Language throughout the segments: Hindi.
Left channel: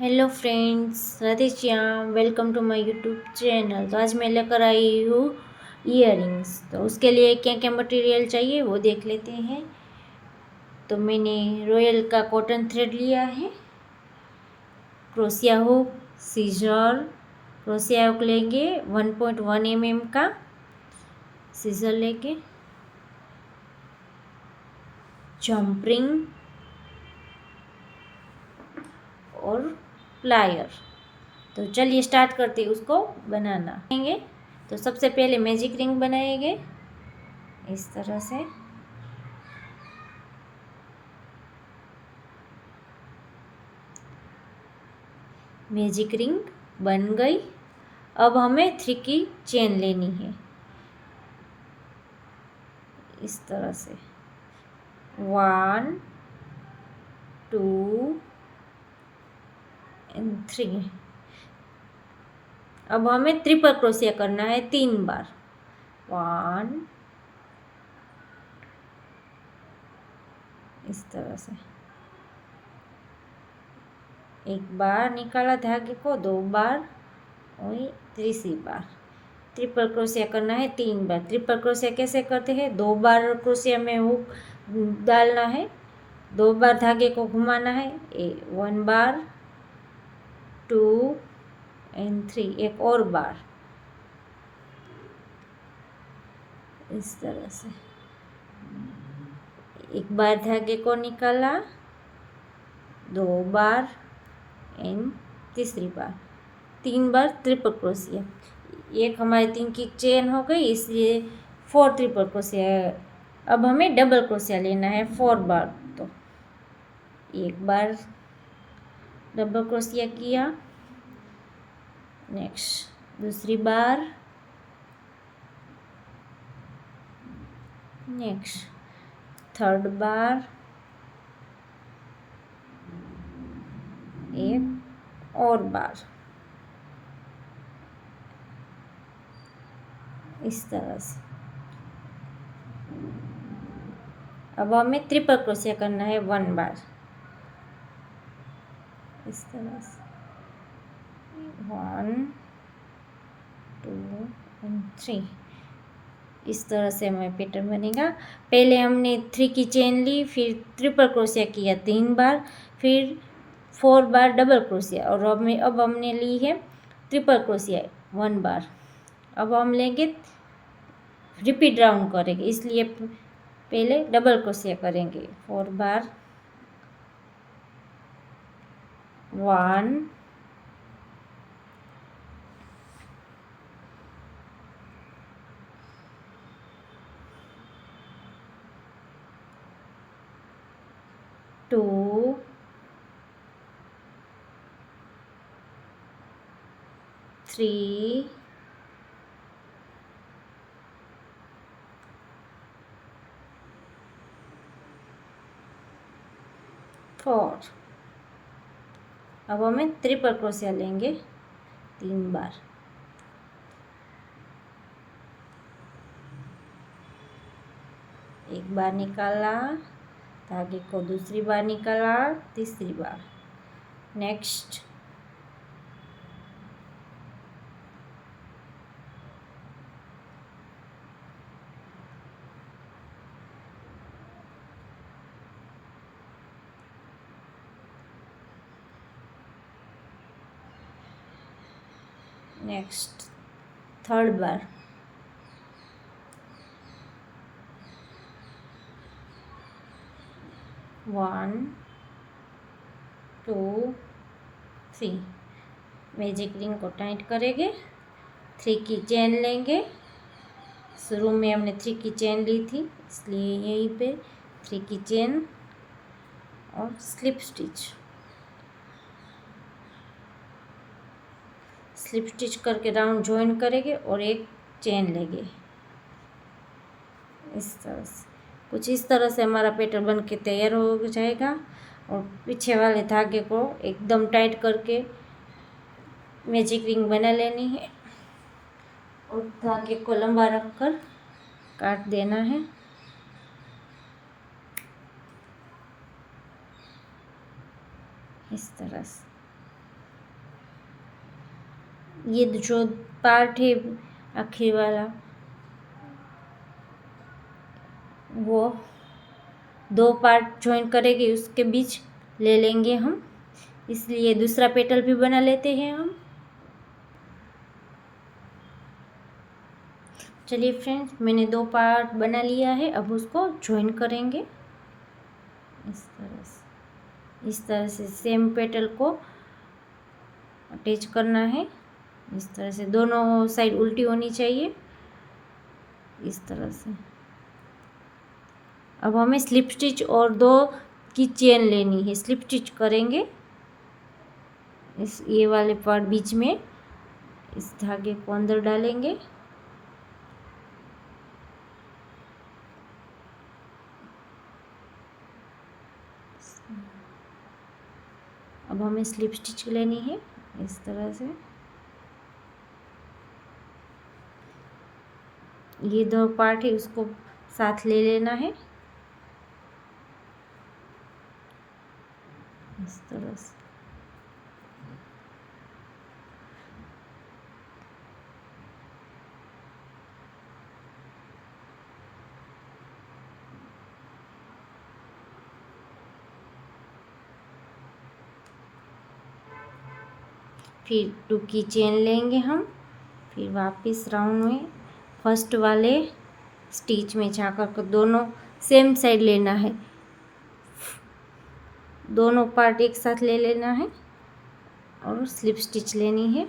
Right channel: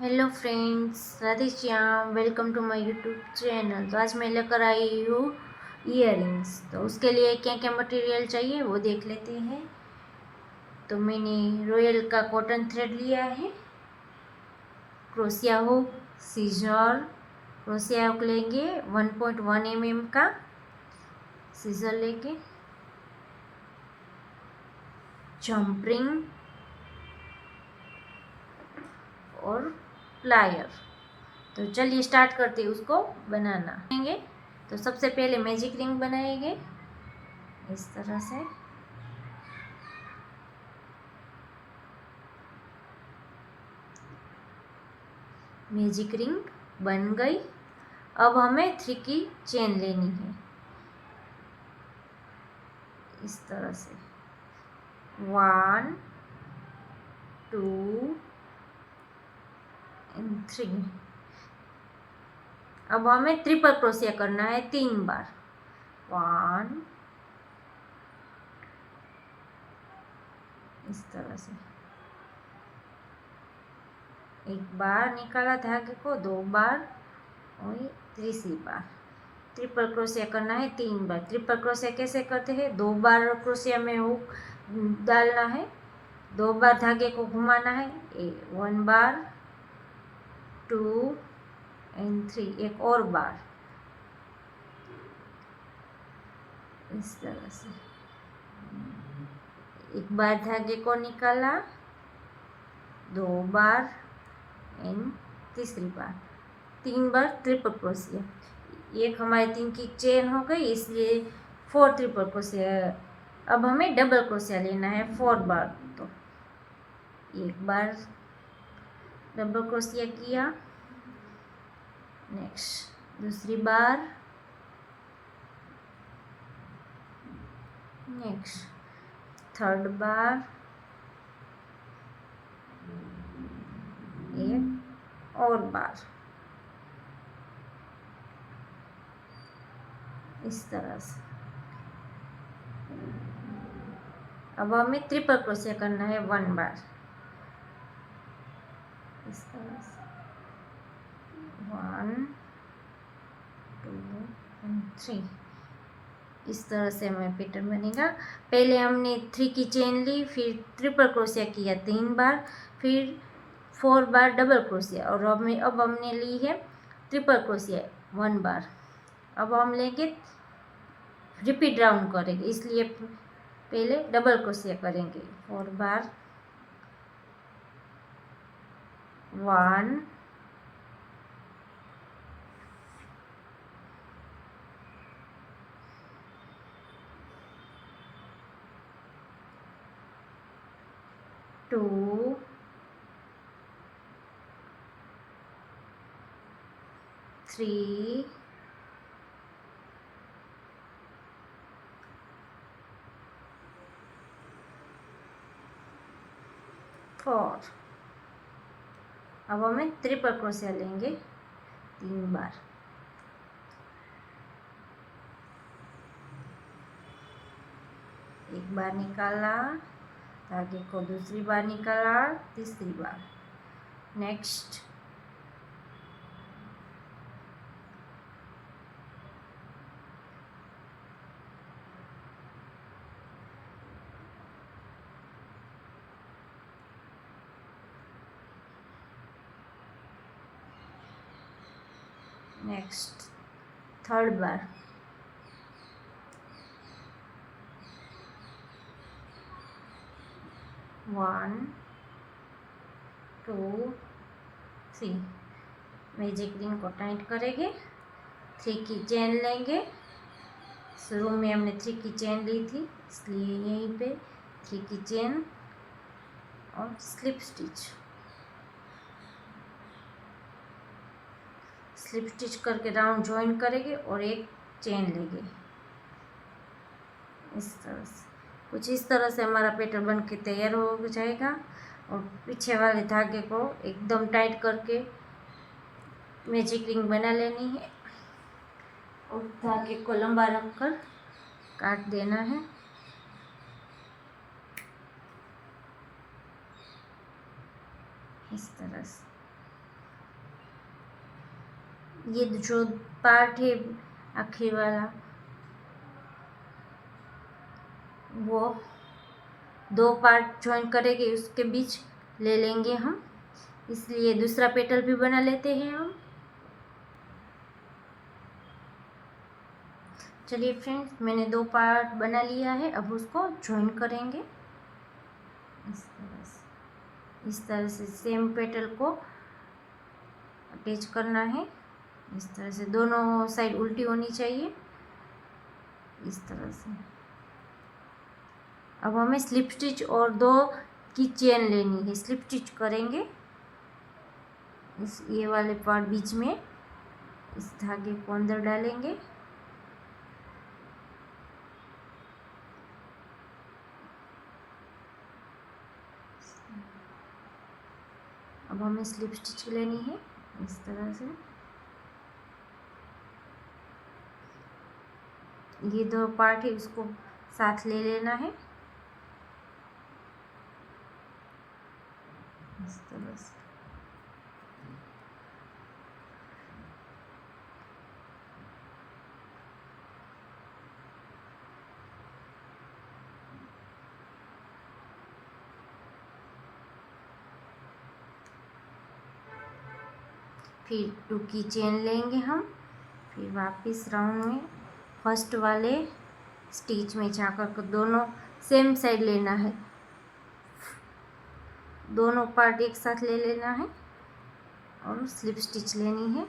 Hello friends, Radhe Shyam. Welcome to my YouTube channel. तो आज मैं लेकर आई हूँ इयररिंग्स। तो उसके लिए क्या क्या मटेरियल चाहिए वो देख लेते हैं। तो मैंने रॉयल का कॉटन थ्रेड लिया है, crochet hook, scissor. Crochet hook लेंगे 1.1 mm का, सीजर लेंगे, जंपरिंग और प्लायर। तो चलिए स्टार्ट करते हैं उसको बनाना। तो सबसे पहले मैजिक रिंग बनाएंगे इस तरह से। मैजिक रिंग बन गई। अब हमें 3 की चेन लेनी है इस तरह से। 1 2 एंड 3। अब हमें ट्रिपल क्रोशिया करना है 3 बार। 1 इस तरह से, एक बार निकाला धागे को, 2 बार और तीसरी बार ट्रिपल क्रोशिया करना है 3 बार। ट्रिपल क्रोशिया कैसे करते हैं? 2 बार क्रोशिया में हुक डालना है, 2 बार धागे को घुमाना है, 1 बार, 2 एंड 3, एक और बार इस तरह से। एक बार धागे को निकाला, 2 बार एंड तीसरी बार, 3 बार ट्रिपल क्रोशिया। एक हमारे 3 की चेन हो गई, इसलिए 4 ट्रिपल क्रोशिया है। अब हमें डबल क्रोशिया लेना है 4 बार। तो एक बार डबल क्रोशिया किया, नेक्स्ट दूसरी बार, नेक्स्ट थर्ड बार, एक और बार इस तरह से। अब हमें ट्रिपल क्रोशिया करना है 1 बार इस तरह से। 1 2 एंड 3 इस तरह से हमें पैटर्न बनेगा। पहले हमने 3 की चेन ली, फिर ट्रिपल क्रोशिया किया 3 बार, फिर 4 बार डबल क्रोशिया, और अब हमने ली है ट्रिपल क्रोशिया 1 बार। अब हम लेंगे, रिपीट राउंड करेंगे, इसलिए पहले डबल क्रोशिया करेंगे 4 बार। 1 2 3 4। अब हमें ट्रिपल क्रोशिया लेंगे 3 बार। एक बार निकाला धागे को, दूसरी बार निकाला, तीसरी बार, नेक्स्ट नेक्स्ट थर्ड बार, 1 2 3। मैजिक रिंग को टाइट करेंगे, 3 की चेन लेंगे। शुरू में हमने 3 की चेन ली थी, इसलिए यहीं पे 3 की चेन और स्लिप स्टिच। स्लिप स्टिच करके राउंड जॉइन करेंगे और एक चेन लेंगे इस तरह से। कुछ इस तरह से हमारा पैटर्न बन के तैयार हो जाएगा। और पीछे वाले धागे को एकदम टाइट करके मैजिक रिंग बना लेनी है और धागे को लंबा रखकर काट देना है इस तरह से। ये जो पार्ट है आखिर वाला वो 2 पार्ट ज्वाइन करेंगे, उसके बीच ले लेंगे हम, इसलिए दूसरा पेटल भी बना लेते हैं हम। चलिए फ्रेंड्स, मैंने 2 पार्ट बना लिया है, अब उसको ज्वाइन करेंगे इस तरह से सेम पेटल को अटैच करना है। इस तरह से दोनों साइड उल्टी होनी चाहिए, इस तरह से। अब हमें स्लिप स्टिच और 2 की चेन लेनी है, स्लिप स्टिच करेंगे इस ये वाले पार्ट बीच में, इस धागे को अंदर डालेंगे, अब हमें स्लिप स्टिच लेनी है इस तरह से। ये 2 पार्ट है उसको साथ ले लेना है इस तरह से। फिर 2 की चेन लेंगे हम, फिर वापस राउंड में फर्स्ट वाले स्टिच में जाकर के दोनों सेम साइड लेना है, दोनों पार्ट एक साथ ले लेना है और स्लिप स्टिच लेनी है।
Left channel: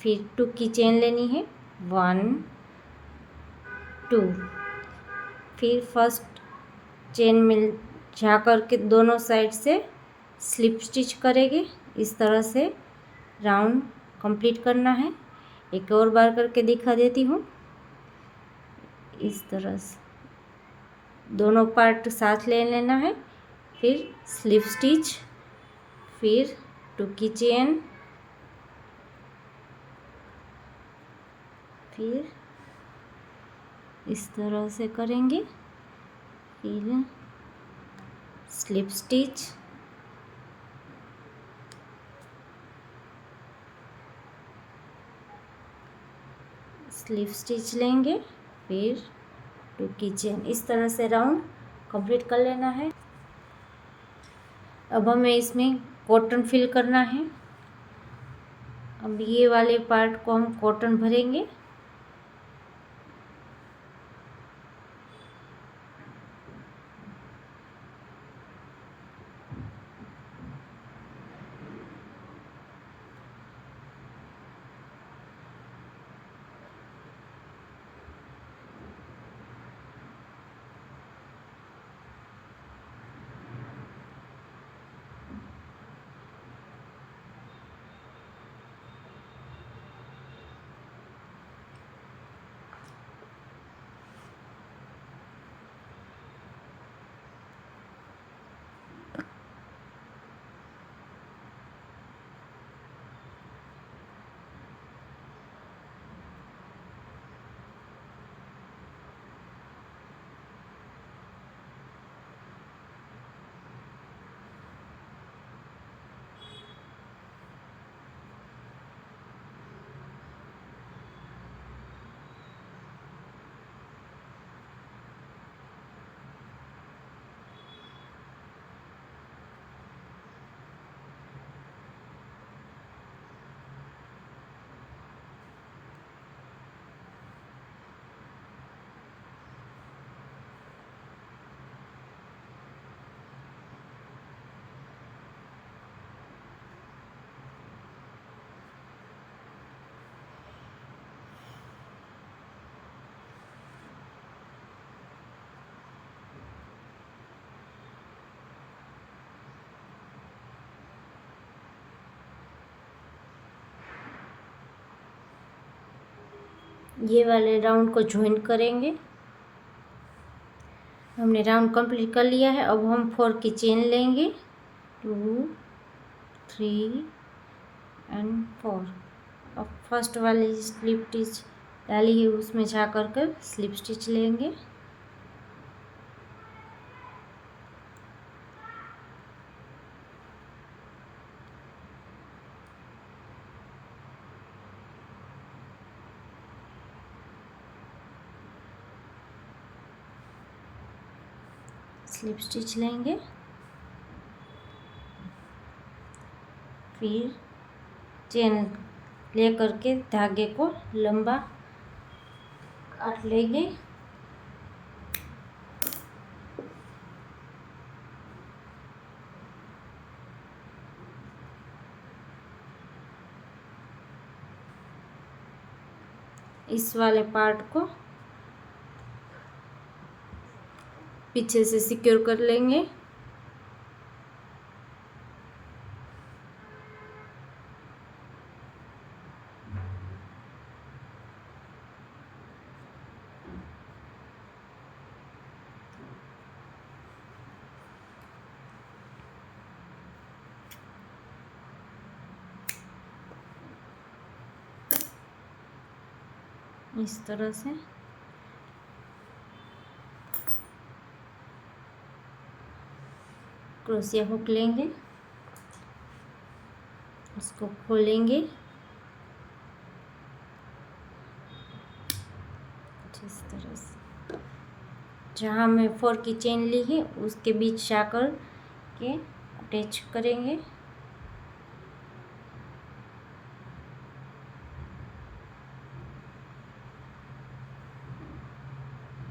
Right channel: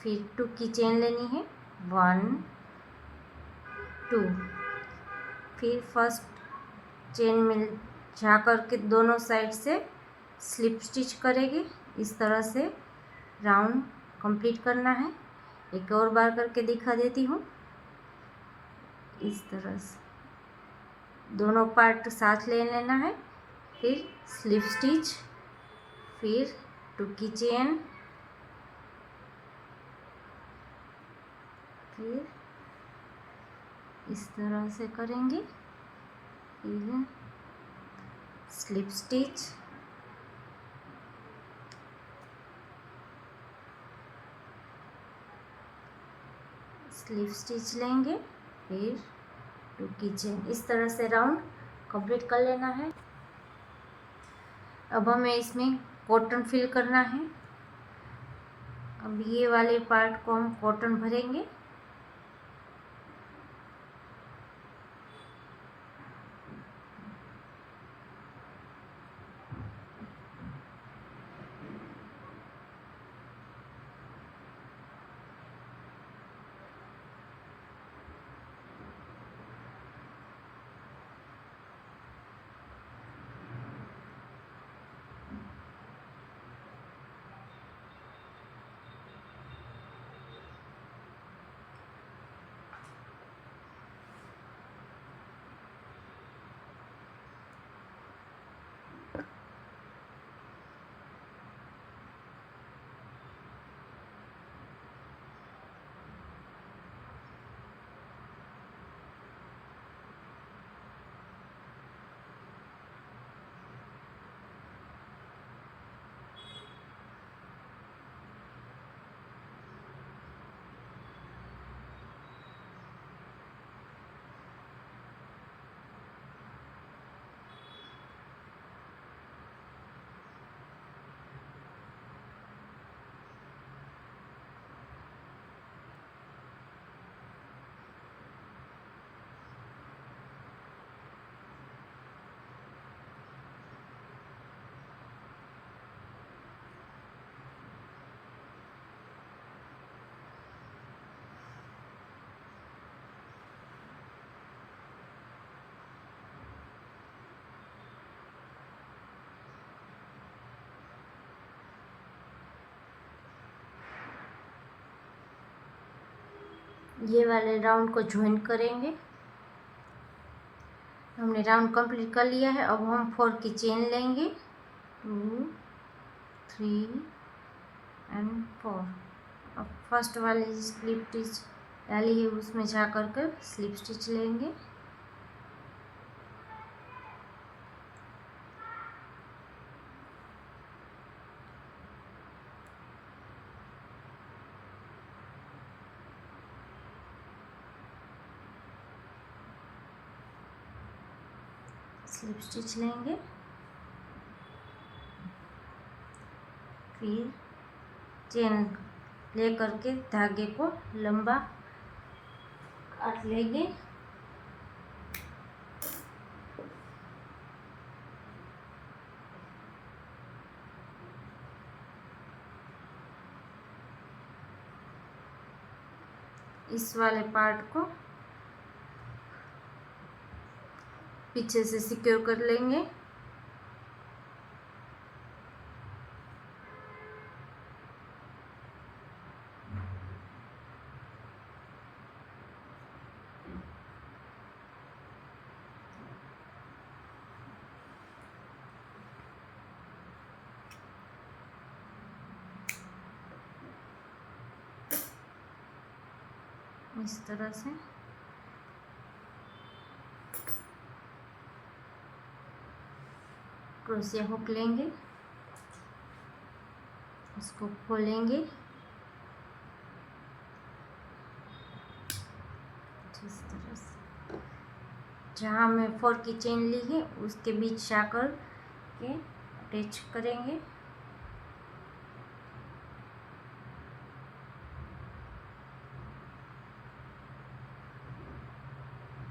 फिर 2 की चेन लेनी है, 1 2, फिर फर्स्ट चेन में जाकर के दोनों साइड से स्लिप स्टिच करेंगे, इस तरह से राउंड कंप्लीट करना है। एक और बार करके दिखा देती हूँ, इस तरह से दोनों पार्ट साथ ले लेना है, फिर स्लिप स्टिच, फिर 2 की चेन, फिर इस तरह से करेंगे, फिर स्लिप स्टिच, स्लिप स्टिच लेंगे, फिर 2 की चेन, इस तरह से राउंड कंप्लीट कर लेना है। अब हमें इसमें कॉटन फिल करना है, अब ये वाले पार्ट को हम कॉटन भरेंगे, ये वाले राउंड को ज्वाइन करेंगे। हमने राउंड कंप्लीट कर लिया है, अब हम 4 की चेन लेंगे, 2 3 एंड 4। अब फर्स्ट वाली स्लिप स्टिच डाली है उसमें जा कर कर स्लिप स्टिच लेंगे, स्लिप स्टिच लेंगे, फिर चेन ले करके धागे को लंबा काट लेंगे। इस वाले पार्ट को पीछे से सिक्योर कर लेंगे। इस तरह से क्रोशिया हुक लेंगे, उसको खोलेंगे इस तरह से। जहाँ हमने 4 की चेन ली है उसके बीच शाकर के अटैच करेंगे।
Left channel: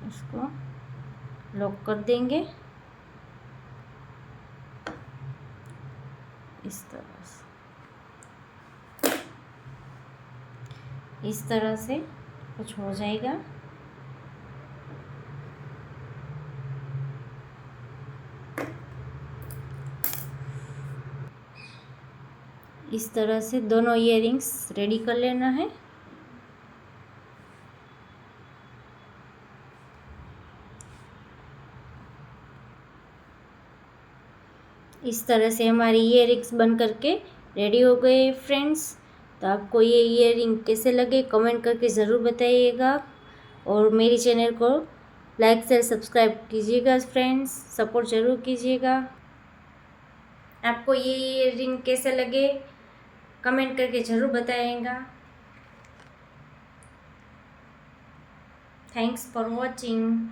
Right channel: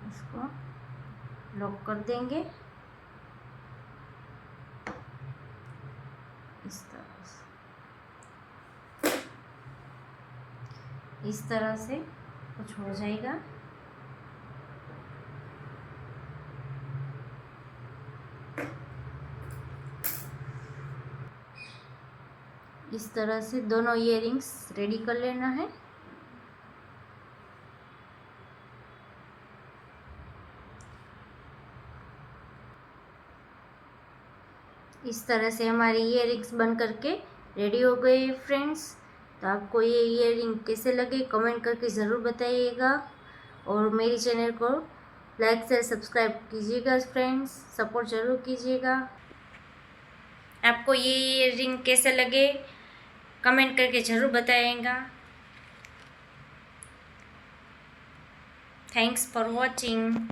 उसको लॉक कर देंगे इस तरह से। इस तरह से कुछ हो जाएगा। इस तरह से दोनों इयररिंग्स रेडी कर लेना है। इस तरह से हमारे इयररिंग्स बन करके रेडी हो गए फ्रेंड्स। तो आपको ये इयररिंग कैसे लगे कमेंट करके ज़रूर बताइएगा, और मेरी चैनल को लाइक से सब्सक्राइब कीजिएगा फ्रेंड्स, सपोर्ट ज़रूर कीजिएगा। आपको ये इयररिंग कैसे लगे कमेंट करके ज़रूर बताइएगा। Thanks for watching.